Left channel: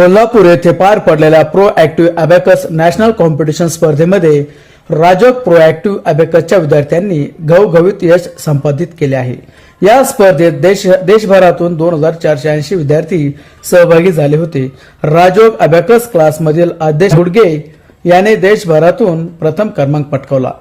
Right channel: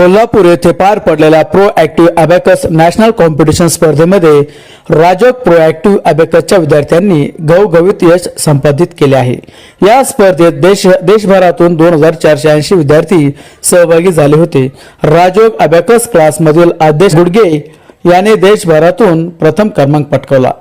कोल्हापूर येथे पार पडलेल्या pro active abacus national competition स्पर्धेमध्ये राजक प्रो ऍक्टिव्ह अबॅकसच्या विद्यार्थ्यांनी घवघवीत यश संपादित केले आहे. या स्पर्धेत देश देशभरातून दोन हजार चारशे ऐंशी विद्यार्थी सहभागी झाले होते. राजोग अबॅकस क्लासमधील आदेश गुडगे याने देशभरातून प्रथम क्रमांक पटकावला.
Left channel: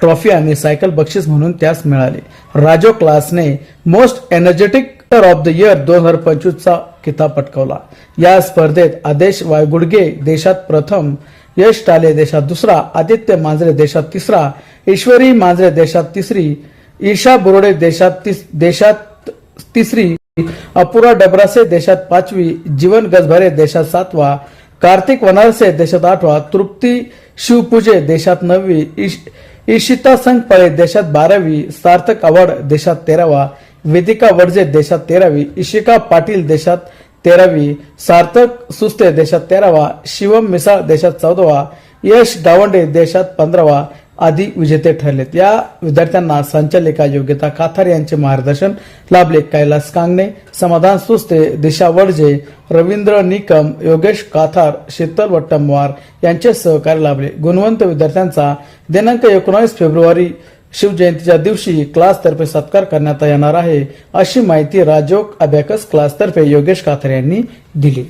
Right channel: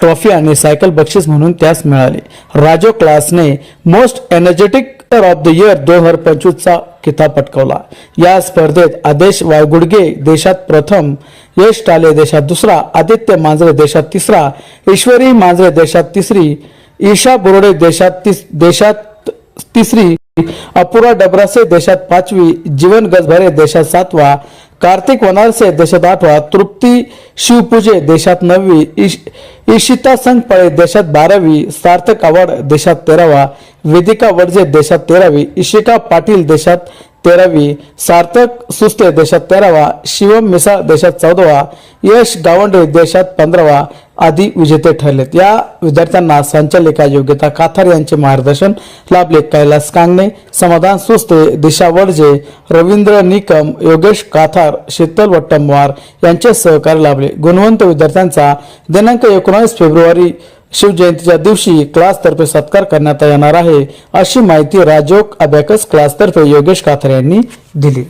ट्रॉफी आणि सायकल बक्षीस म्हणून त्यास मिळाले. राजो क्लासने most energetic of the year दोन हजार पंचवीसचा किताब पटकवला. या स्पर्धेत आदेश वायगुडगे देशात प्रथम यश टाले देशात दुसरा आदित्य मांजरे देशात तिसरा ईश्वरी मांजरे देशात तिसरी ईशा बोर्डे देशात तिस देशात तिसरी अपुरा डबरासे देशात पाचवी जीवन गजभरे देशात सातवा कार्तिक वनारसे देशात आठवा तृप्ती शिवपूजे देशात नववी इश इशिता संघपळे देशात बारावी सार्थक आवड देशात तेरावा वेदिका वडजे देशात तेरावी इशिका पाटील देशात तेरावी सार्थक सुस्ते देशात तेरावा शिवम मिसाळ देशात चौदावा यश गावंडे देशात पंधरावा आदी विजेते ठरलेत. या विद्यार्थ्यांना संचालिका योग्यता काथार यांचे मार्गदर्शन लाभले. कैलास कांगणे समाधान सुस्ते दिशा वडजे रवींद्र निकम योगेश काथार शीतल वट्टमवार यांचे सहकार्य लाभले. गुणवंत विद्यार्थ्यांचा दिनांक एकोणावीस फेब्रुवारी शिवजयंतीच्या दिवशी क्लासतर्फे सत्कार करण्यात येणार आहे अशी माहिती राजोग अभ्याकस क्लासतर्फे योगेश काथार यांनी दिली.